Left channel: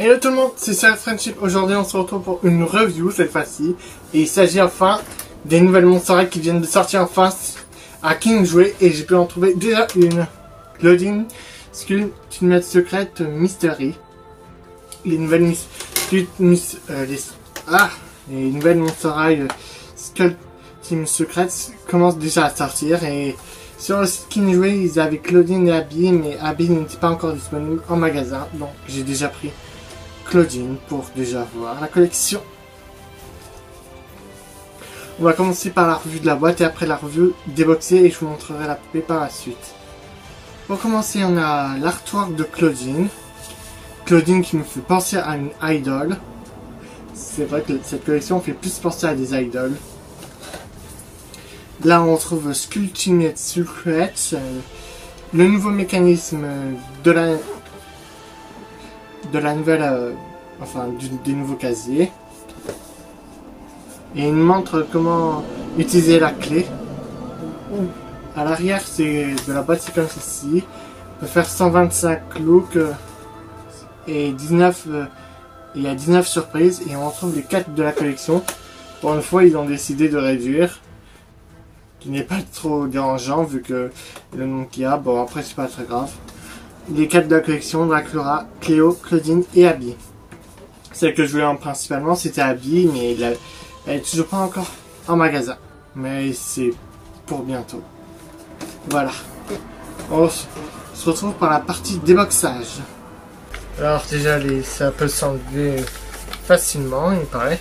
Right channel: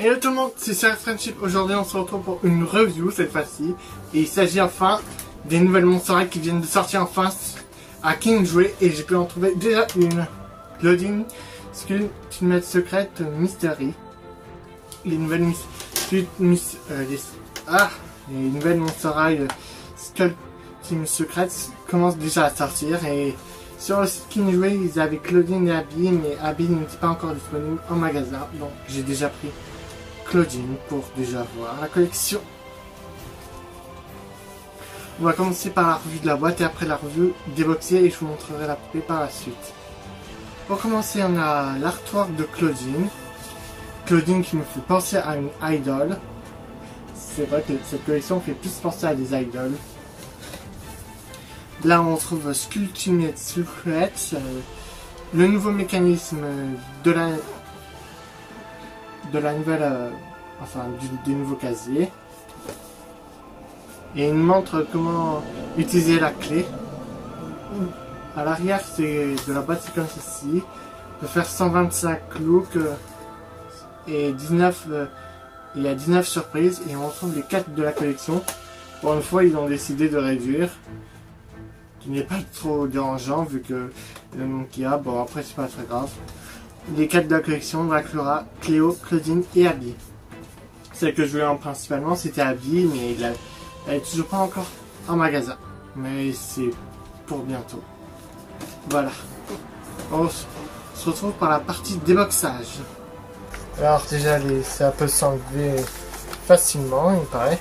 Hello tout le monde, c'est Sir Friendship. Aujourd'hui on se retrouve pour une review cette fois-ci. Et il s'agit enfin des nouvelles Monster High qui viennent de sortir en face à Kingsway. Et j'ai pu en trouver déjà une. Claudine Ultimate Secret Mystery. Les nouvelles les nouvelles Monster High Skull Team Secret commencent déjà à sortir. Et sur le site Kingsway ils avaient Claudine et Abby, mais Abby n'était pas encore disponible en magasin. Donc j'ai déjà pris Claudine pour déjà voir la collection. On va commencer par la revue de la boîte et après la revue déboxée et je vous montrerai la poupée par la suite. Pour commencer, on a l'artwork de Claudine. Claudine qui me fait penser à une idol. C'est vrai que cette collection fait plus penser à des idols. Là on retrouve Skull Ultimate Secret, le nouveau mécanisme de la nouvelle, du nouveau casier. Et il montre comment utiliser la clé. À l'arrière de la boîte c'est comme ceci. On peut faire 125 looks et 19. Il y a 19 surprises et on retrouve les 4 de la collection. Pour une fois ils ont décidé de réduire. Qui n'est pas trop dérangeant vu que le nombre qu'il y a. Bon après c'est pas très grave. Les 4 de la collection, Dracula, Cléo, Claudine et Abby. Celle que je voulais en principalement c'était Abby, mais elle est toujours pas encore en magasin. Mais c'est pour bientôt. Voilà. On se retrouve par la partie déboxage. Alors déjà ça peut s'enlever facilement il me paraît.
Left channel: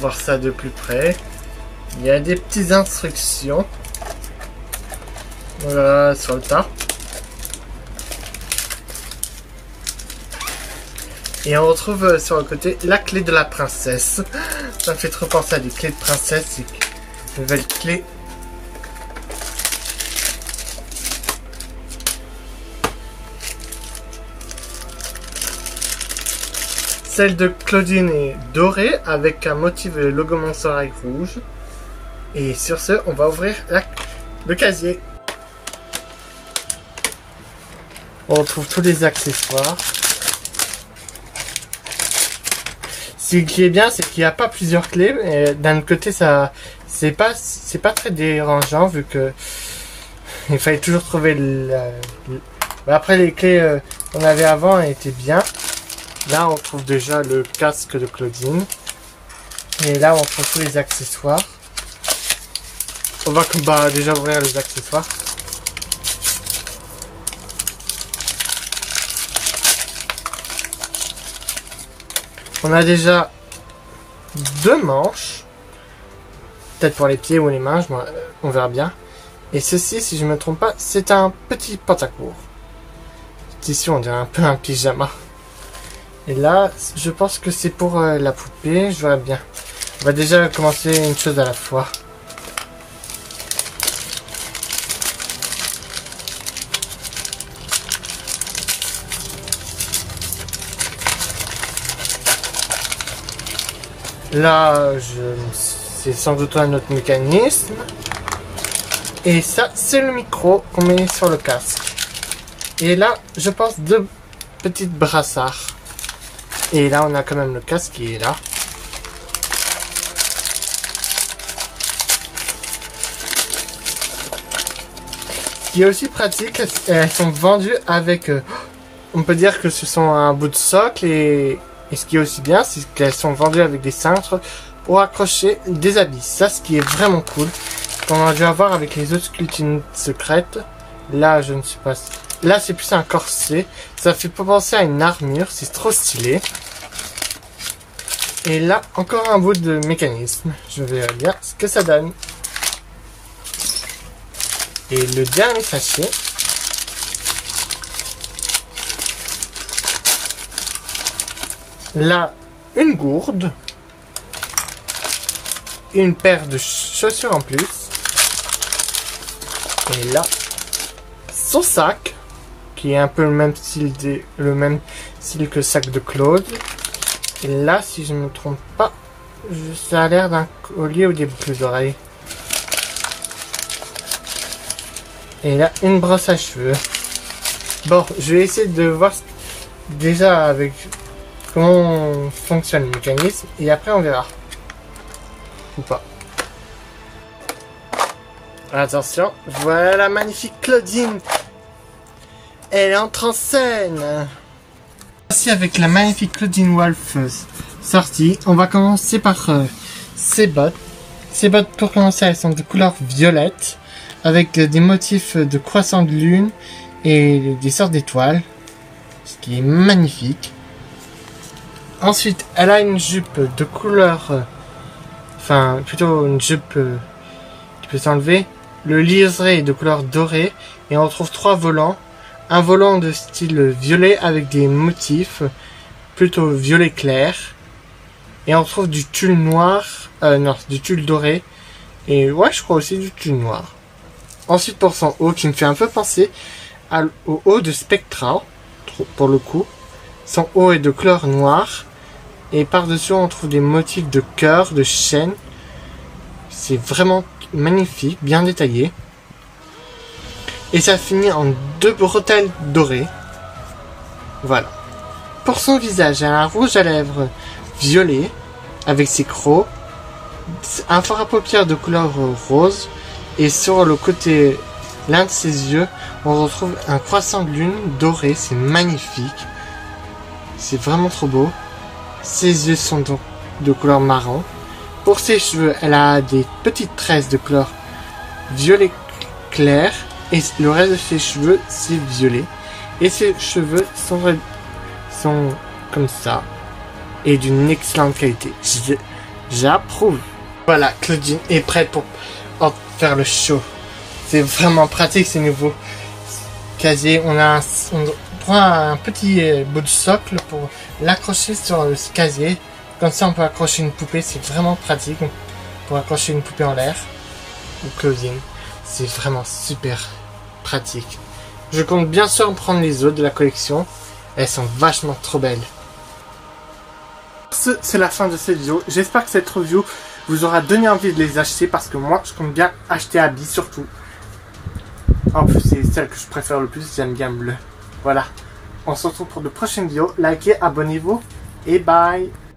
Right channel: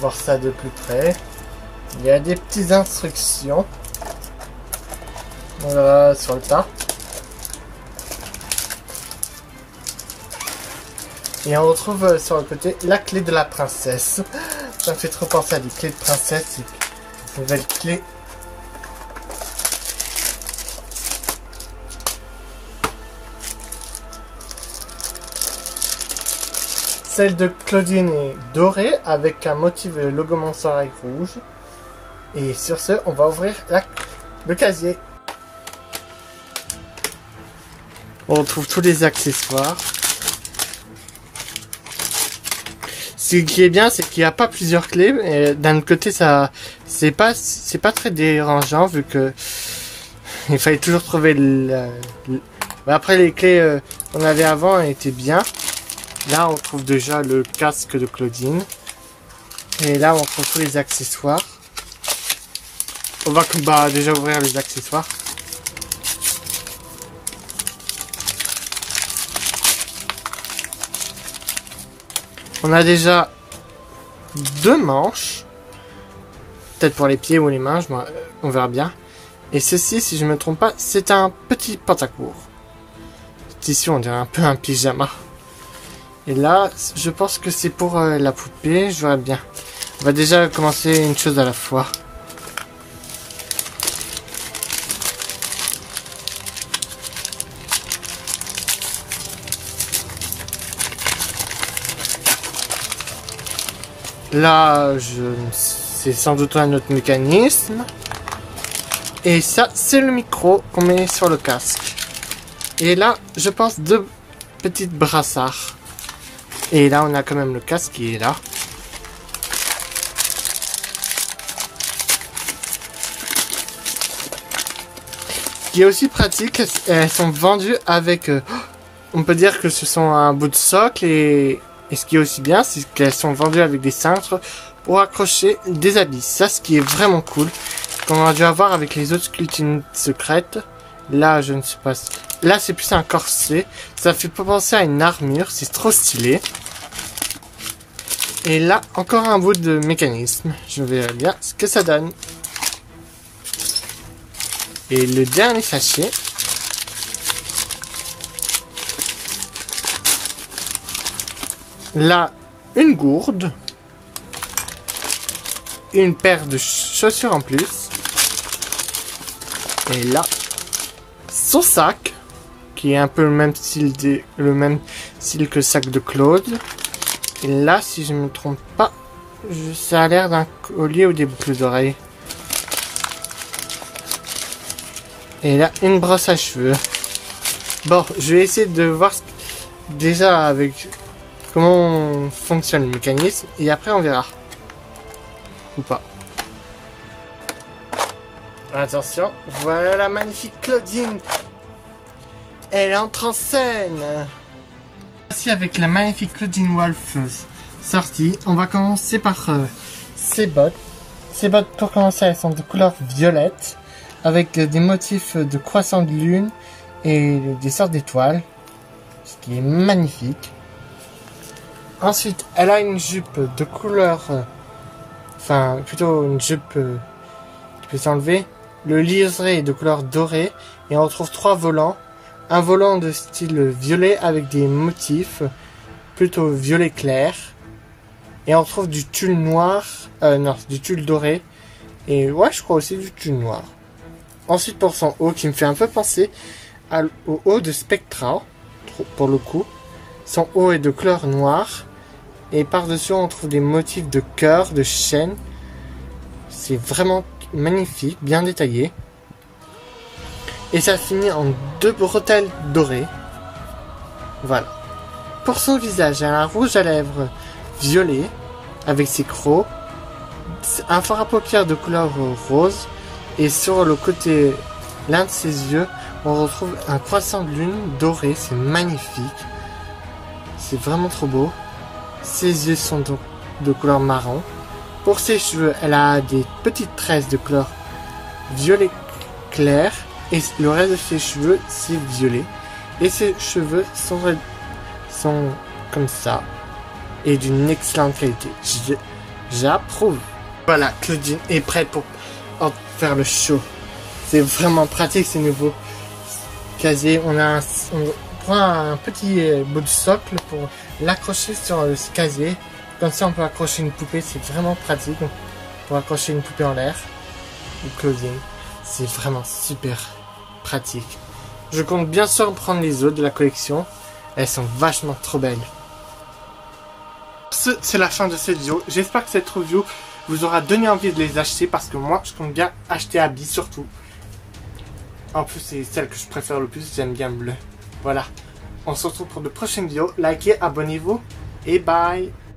Voir ça de plus près. Il y a des petites instructions. Voilà, sur le tas. Et on retrouve sur le côté la clé de la princesse. Ça me fait trop penser à des clés de princesse. Une nouvelle clé. Celle de Claudine est dorée avec un motif de logo Monster High rouge. Et sur ce, on va ouvrir le casier. On retrouve tous les accessoires. Ce qui est bien, c'est qu'il n'y a pas plusieurs clés. Et d'un autre côté, ça, c'est pas très dérangeant vu que il fallait toujours trouver après les clés qu'on avait avant étaient bien. Là, on trouve déjà le casque de Claudine. Et là, on trouve tous les accessoires. On va déjà ouvrir les accessoires. On a déjà 2 manches. Peut-être pour les pieds ou les mains, on verra bien. Et ceci, si je ne me trompe pas, c'est un petit pantacourt. Ici, on dirait un peu un pyjama. Et là, je pense que c'est pour la poupée, je vois bien. On va déjà commencer une chose à la fois. Là, c'est sans doute un autre mécanisme. Et ça, c'est le micro qu'on met sur le casque. Et là, je pense 2 petites brassards. Et là, on a quand même le casque qui est là. Ce qui est aussi pratique, elles sont vendues avec... on peut dire que ce sont un bout de socle et ce qui est aussi bien, c'est qu'elles sont vendues avec des cintres pour accrocher des habits. Ça, ce qui est vraiment cool. Qu'on a dû avoir avec les autres sculptures secrètes. Là, je ne sais pas... Là, c'est plus un corset. Ça fait penser à une armure. C'est trop stylé. Et là, encore un bout de mécanisme. Je verrai bien ce que ça donne. Et le dernier sachet. Là, une gourde. une paire de chaussures en plus. Et là, son sac, qui est un peu le même style que le sac de Claude. Et là, si je ne me trompe pas, ça a l'air d'un collier ou des boucles d'oreilles. Et là, une brosse à cheveux. Bon, je vais essayer de voir déjà avec comment fonctionne le mécanisme. Et après, on verra. Ou pas. Attention, voilà la magnifique Claudine. Elle entre en scène. Voici avec la magnifique Claudine Wolf sortie. On va commencer par ses bottes. Ces bottes, pour commencer, elles sont de couleur violette, avec des motifs de croissant de lune et des sortes d'étoiles, ce qui est magnifique. Ensuite, elle a une jupe de couleur, enfin plutôt une jupe qui peut s'enlever. Le liseré est de couleur dorée et on retrouve 3 volants. Un volant de style violet avec des motifs plutôt violet clair. Et on retrouve du tulle noir, non, du tulle doré. Et ouais, je crois aussi du tulle noir. Ensuite, pour son haut, qui me fait un peu penser au haut de Spectra, pour le coup. Son haut est de couleur noire. Et par-dessus, on trouve des motifs de cœur, de chêne. C'est vraiment magnifique, bien détaillé. Et ça finit en 2 bretelles dorées. Voilà. Pour son visage, elle a un rouge à lèvres violet avec ses crocs, un fard à paupières de couleur rose, et sur le côté, l'un de ses yeux, on retrouve un croissant de lune doré. C'est magnifique. C'est vraiment trop beau. Ses yeux sont donc de couleur marron. Pour ses cheveux, elle a des petites tresses de couleur violet clair. Et le reste de ses cheveux, c'est violet. Et ses cheveux sont comme ça. Et d'une excellente qualité. J'approuve. Voilà, Claudine est prête pour faire le show. C'est vraiment pratique ces nouveaux casiers. On prend un petit bout du socle pour l'accrocher sur le casier. Comme ça, on peut accrocher une poupée. C'est vraiment pratique pour accrocher une poupée en l'air. Ou Claudine. C'est vraiment super pratique. Je compte bien sûr en prendre les autres de la collection. Elles sont vachement trop belles. C'est la fin de cette vidéo. J'espère que cette review vous aura donné envie de les acheter, parce que moi je compte bien acheter Abby surtout. En plus c'est celle que je préfère le plus, j'aime bien le bleu. Voilà. On se retrouve pour de prochaines vidéos. Likez, abonnez-vous et bye.